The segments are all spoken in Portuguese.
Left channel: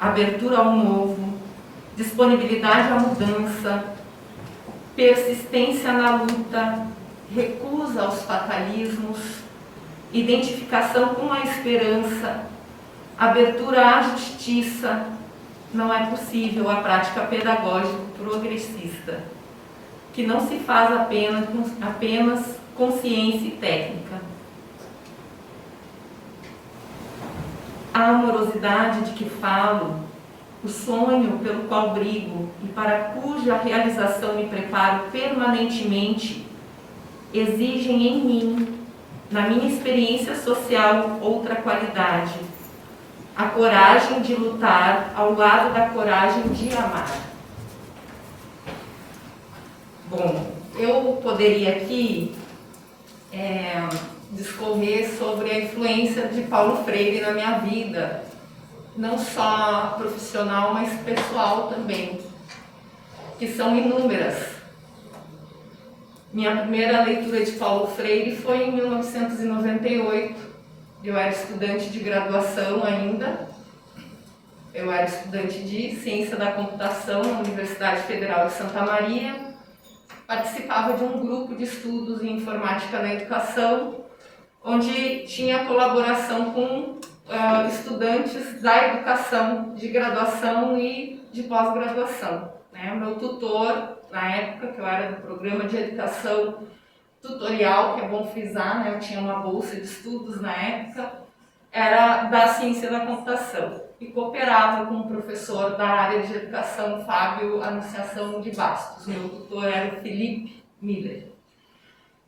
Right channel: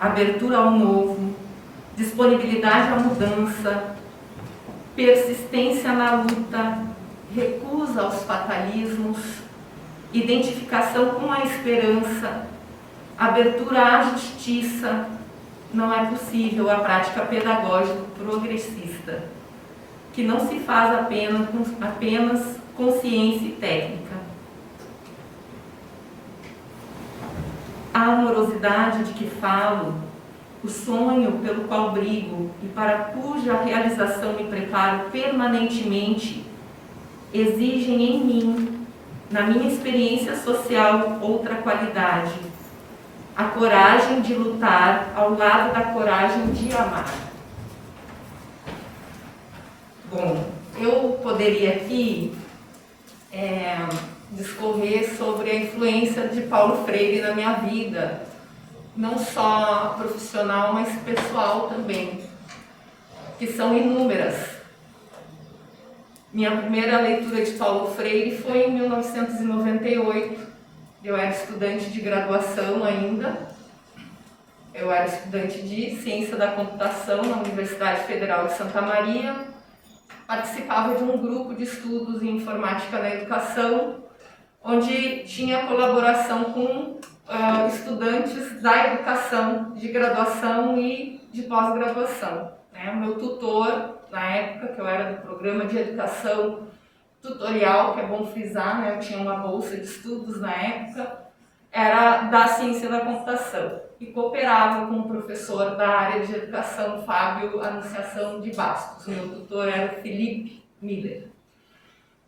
abertura ao novo, disponibilidade à mudança, persistência na luta, recusa aos fatalismos, identificação com a esperança, abertura à justiça. Não é possível a prática pedagógica progressista, que não se faz apenas com ciência e técnica. A amorosidade de que falo, o sonho pelo qual brigo e para cuja realização me preparo permanentemente, exigem em mim, na minha experiência social, outra qualidade: a coragem de lutar ao lado da coragem de amar. Bom, eu poderia aqui discorrer sobre a influência de Paulo Freire na minha vida, não só profissional, mas pessoal também, que são inúmeras. Minha primeira leitura de Paulo Freire foi em 1998. Eu era estudante de graduação ainda. Eu era estudante de Ciência da Computação na Universidade Federal de Santa Maria. Participava de um grupo de estudos em Informática na Educação, onde tinha colaboração com estudantes da educação de graduação e de pós-graduação. O meu tutor, na época, que eu era do programa de educação tutorial, que é bom frisar, eu tinha uma bolsa de estudos na época, era da ciência da computação e cooperava com o professor da área de educação, Fábio Anunciação de Bastos. Meu tutor era o Felipe Miller.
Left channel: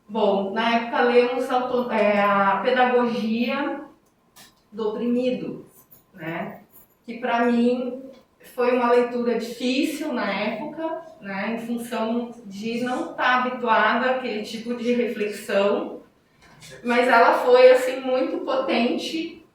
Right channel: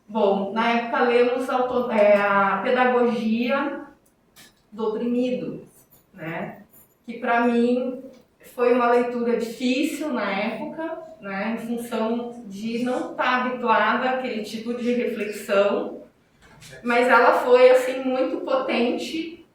Bom, na época lemos a Pedagogia do Oprimido, que para mim foi uma leitura difícil na época, em função de não estar habituada àquele tipo de reflexão, mas ela foi assim muito potente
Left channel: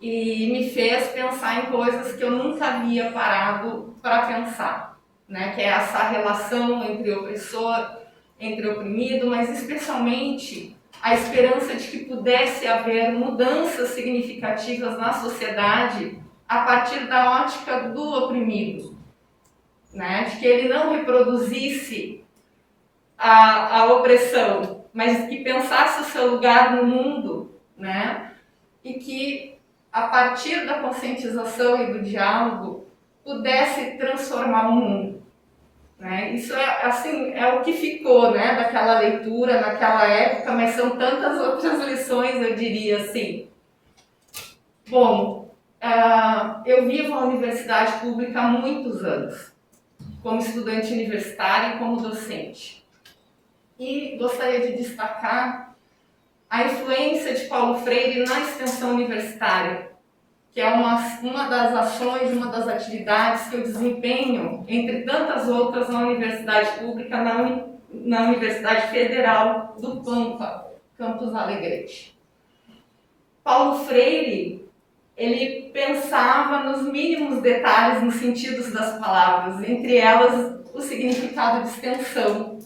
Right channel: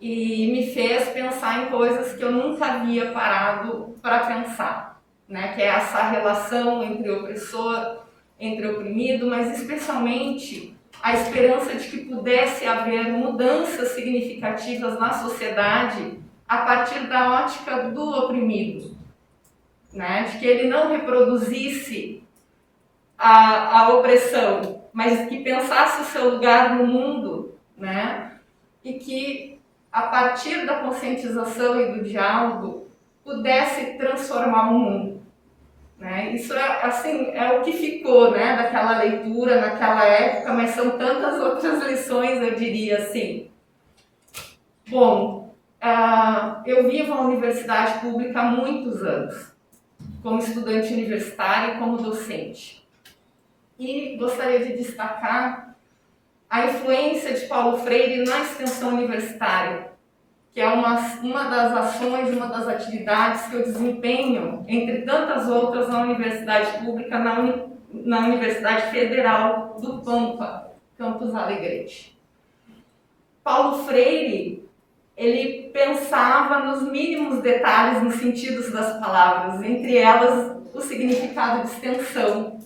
e me fez pensar em coisas que eu nunca havia parado para pensar, que é essa relação entre opressor, entre oprimido, mas especialmente a esperança de que pudesse haver mudanças significativas na sociedade a partir da ótica do oprimido, de que ele não reproduzisse a opressão, mas que pensasse o seu lugar no mundo, e que a partir da conscientização e do diálogo pudesse transformar o mundo. Isso é o que ficou daquela leitura naquela época, mas são tantas outras lições, eu diria assim. Bom, eu vivo a universidade pública há muitos anos, como estudante universitária e como docente. E gostaria de destacar a influência de Paulo Freire na extensão universitária, que é uma das ações, uma das atividades que eu desempenho, entre tantas outras, na universidade pública, na Universidade Federal do Pampa, Campus Alegrete. Paulo Freire, ele pensava nos mínimos detalhes, nos sentidos das palavras, entre elas o significado de extensão.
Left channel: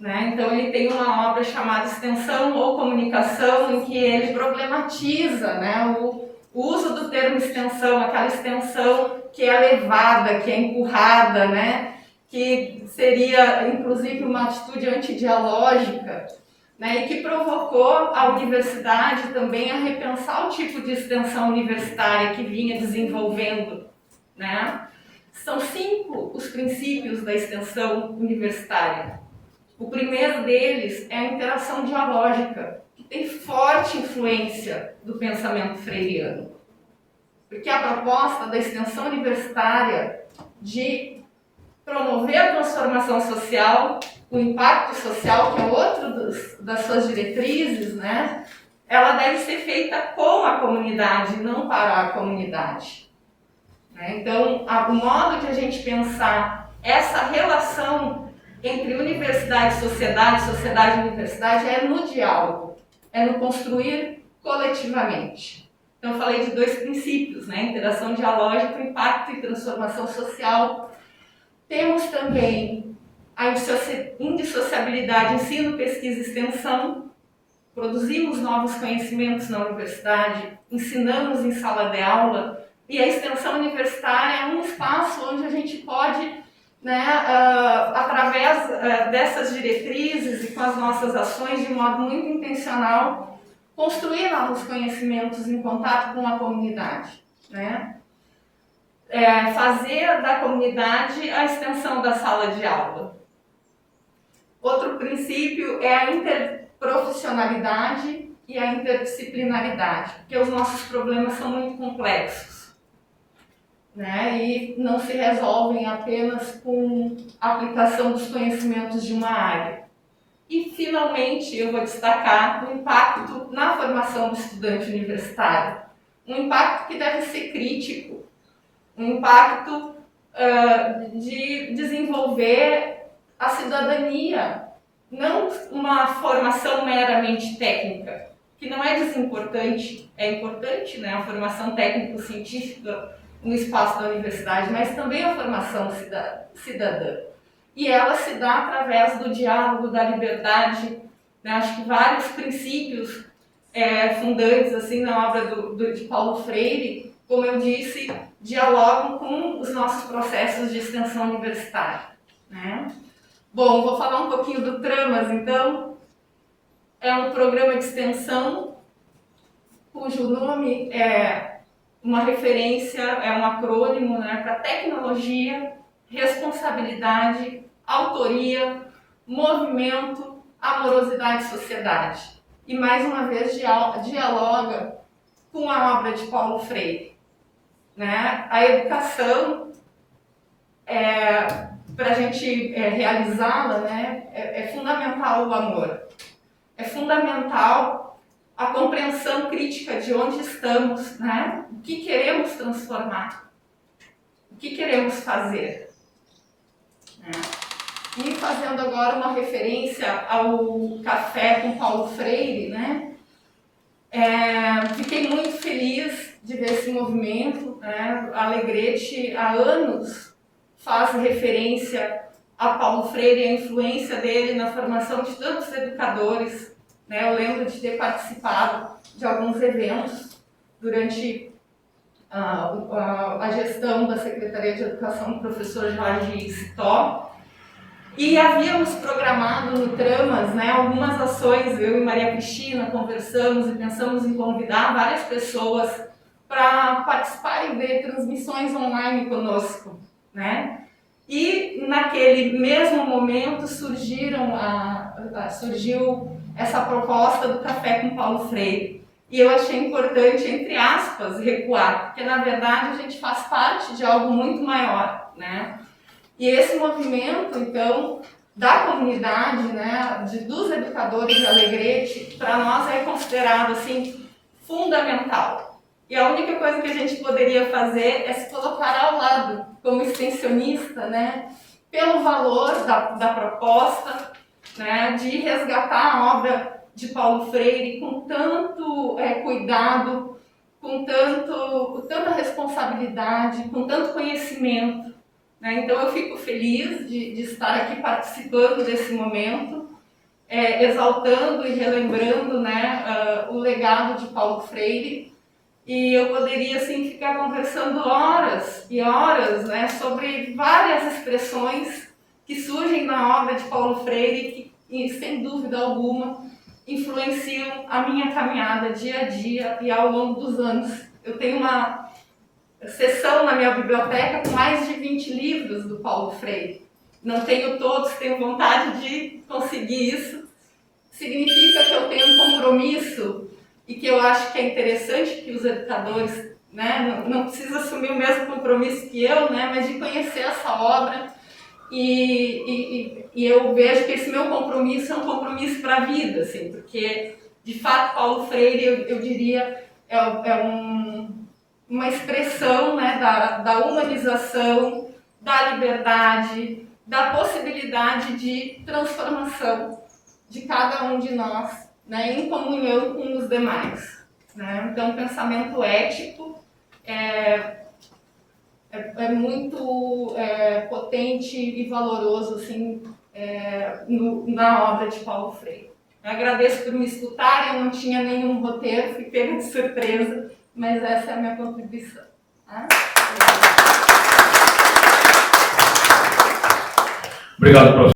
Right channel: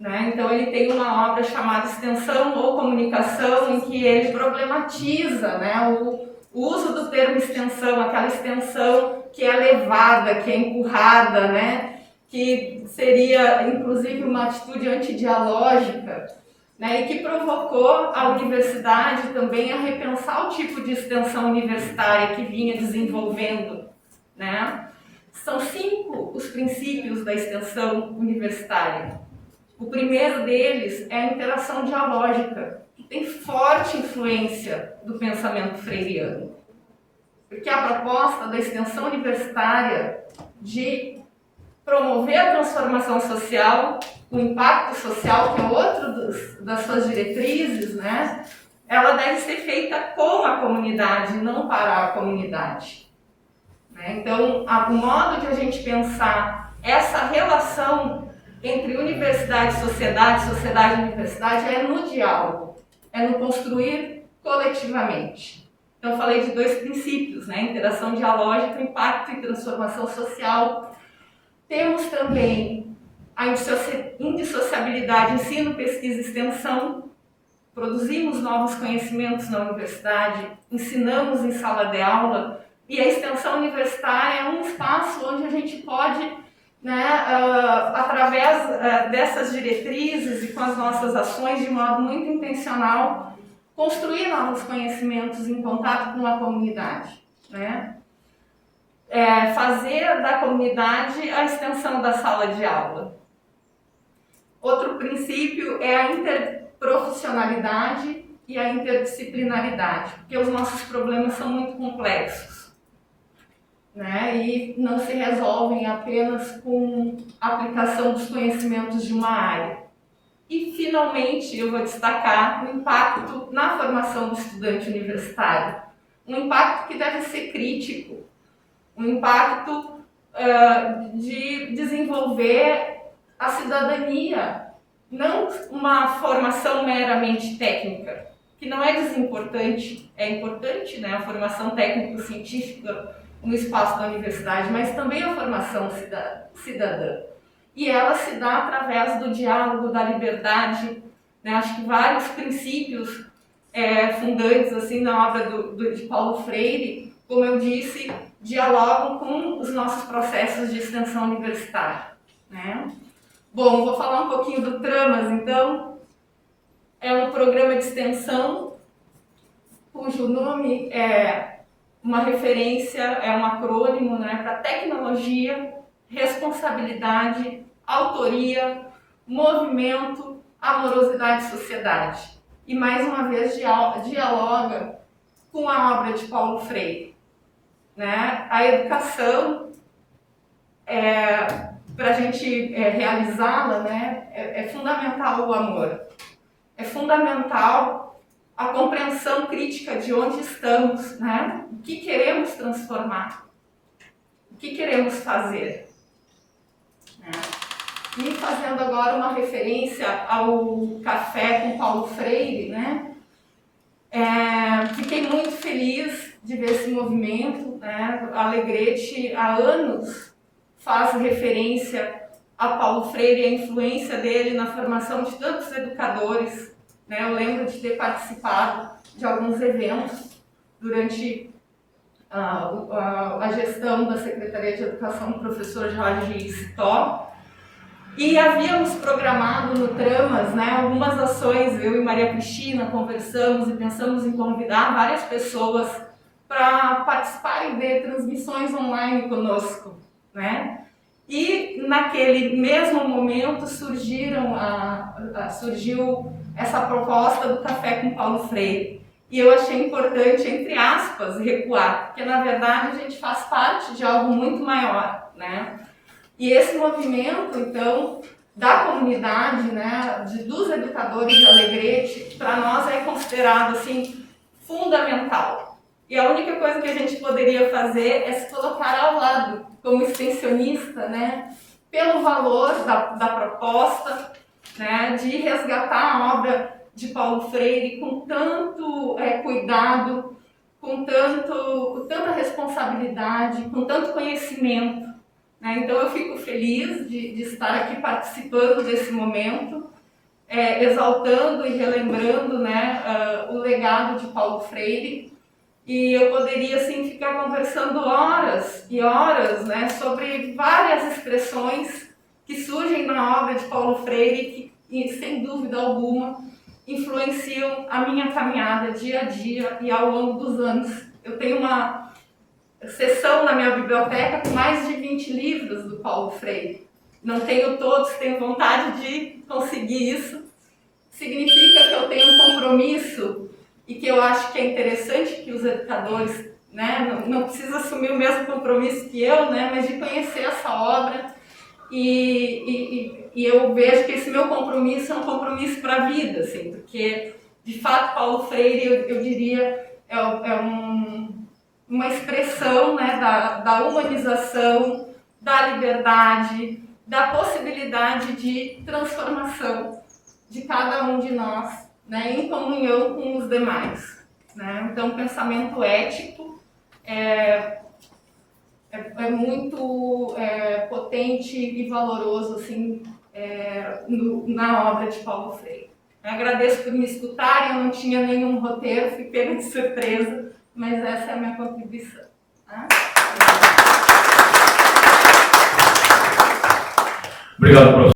Então ele tem uma obra chamada Extensão ou Comunicação, em que ele problematiza o uso do termo extensão, aquela extensão que é levada, que é empurrada, que seria inclusive uma atitude antidialógica, e que provocou a universidade também a repensar o tipo de extensão universitária que vinha desenvolvendo. São 5 os princípios da extensão universitária. O primeiro deles é a interação dialógica, que tem forte influência do pensamento freiriano. Porque a proposta da extensão universitária de promover a transformação social, o impacto social, que é outro das suas diretrizes, ela deve ser feita com a comunidade, não para a comunidade. Então, o modo de a gente pensar essa relação entre universidade e sociedade, sociedade e universidade, é no diálogo, é no construir coletivamente. Então, eu falei de 2 princípios, interação dialógica, impacto e transformação social. Temos também a indissociabilidade, ensino, pesquisa e extensão. Produzimos novos conhecimentos na universidade, ensinamos em sala de aula, E a extensão universitária é um espaço onde a gente pode, né, através dessas diretrizes e com as nossas ações, de modo muito intencional, construir novos conhecimentos em contato com a comunidade, né? Fazer da comunidade a extensão da sala de aula. Outro princípio é a interprofissionalidade e a interdisciplinaridade, porque os nossos problemas são muito complexos, né? E não se resolvem apenas com a aplicação dos conhecimentos de uma área. E, finalmente, eu vou destacar o impacto na formação do estudante universitário. Um impacto que deve ser crítico, um impacto de desenvolver a cidadania, não uma formação meramente técnica, que não é desimportante, é importante, né, a formação técnico-científica no espaço da universidade, mas também a formação cidadã. E ela se dá através do diálogo, da liberdade, né? Acho que vários princípios fundantes assim, na obra de Paulo Freire, como eu disse, dialogam com os nossos processos de extensão universitária, né? Bom, vou falar um pouquinho do Tramas, então. É um programa de extensão cujo nome é uma referência, é um acrônimo, né, para tecnologia, responsabilidade, autoria, movimento, amorosidade e sociedade. E mais uma vez dialoga com a obra de Paulo Freire, né? A educação, para a gente realizá-la, né, é fundamental o amor. É fundamental a compreensão crítica de onde estamos, né? O que queremos transformar, o que queremos fazer, né? E fazendo agora uma referência ao Café com Paulo Freire, né? Fiquei muito feliz de ver esse movimento, né? A Alegrete há anos faz referência a Paulo Freire e a influência dele na formação de tantos educadores, né? Eu lembro de ter participado de alguns eventos durante a gestão da Secretaria de Educação do professor Jorge Citó, e havíamos programado no Tramas, né, algumas ações. Eu e Maria Cristina conversamos e pensamos em convidar várias pessoas para participarem de transmissões online conosco, né? E naquele mesmo momento surgiu essa proposta do Café com Paulo Freire. E eu achei importante, entre aspas, recuar, porque na verdade a gente faz parte de algo muito maior, né? E esse movimento, então, da comunidade, né, dos educadores de Alegrete, para nós é considerado assim fundamental. E a única coisa que a gente poderia fazer é se colocar ao lado, como extensionista, né, pelo valor da proposta, né, de resgatar a obra de Paulo Freire com tanto cuidado, com tanta responsabilidade, com tanto conhecimento, né? Então eu fico feliz de estar aqui participando desse momento, exaltando e relembrando, né, o legado de Paulo Freire. E eu poderia assim ficar conversando horas e horas, né, sobre várias expressões que surgem na obra de Paulo Freire que, sem dúvida alguma, influenciam a minha caminhada dia a dia e ao longo dos anos. Eu tenho uma seção na minha biblioteca com mais de 20 livros do Paulo Freire. Não tenho todos, tenho vontade de conseguir isso. Significa que eu tenho um compromisso e que eu acho que é interessante que os educadores, né, não precisa assumir o mesmo compromisso que eu, né, mas de conhecer essa obra. E eu vejo que esse meu compromisso é um compromisso para a vida, assim, porque, de fato, Paulo Freire, eu diria, uma expressão, né, da humanização, da liberdade, da possibilidade de transformação de cada um de nós, né, em comunhão com os demais, né? Então, o pensamento ético é muito potente e valoroso assim, na obra de Paulo Freire. Eu agradeço por me escutarem, eu não tinha nenhum roteiro, fui pega de surpresa, mas essa é a minha contribuição. Né? Obrigado, professor.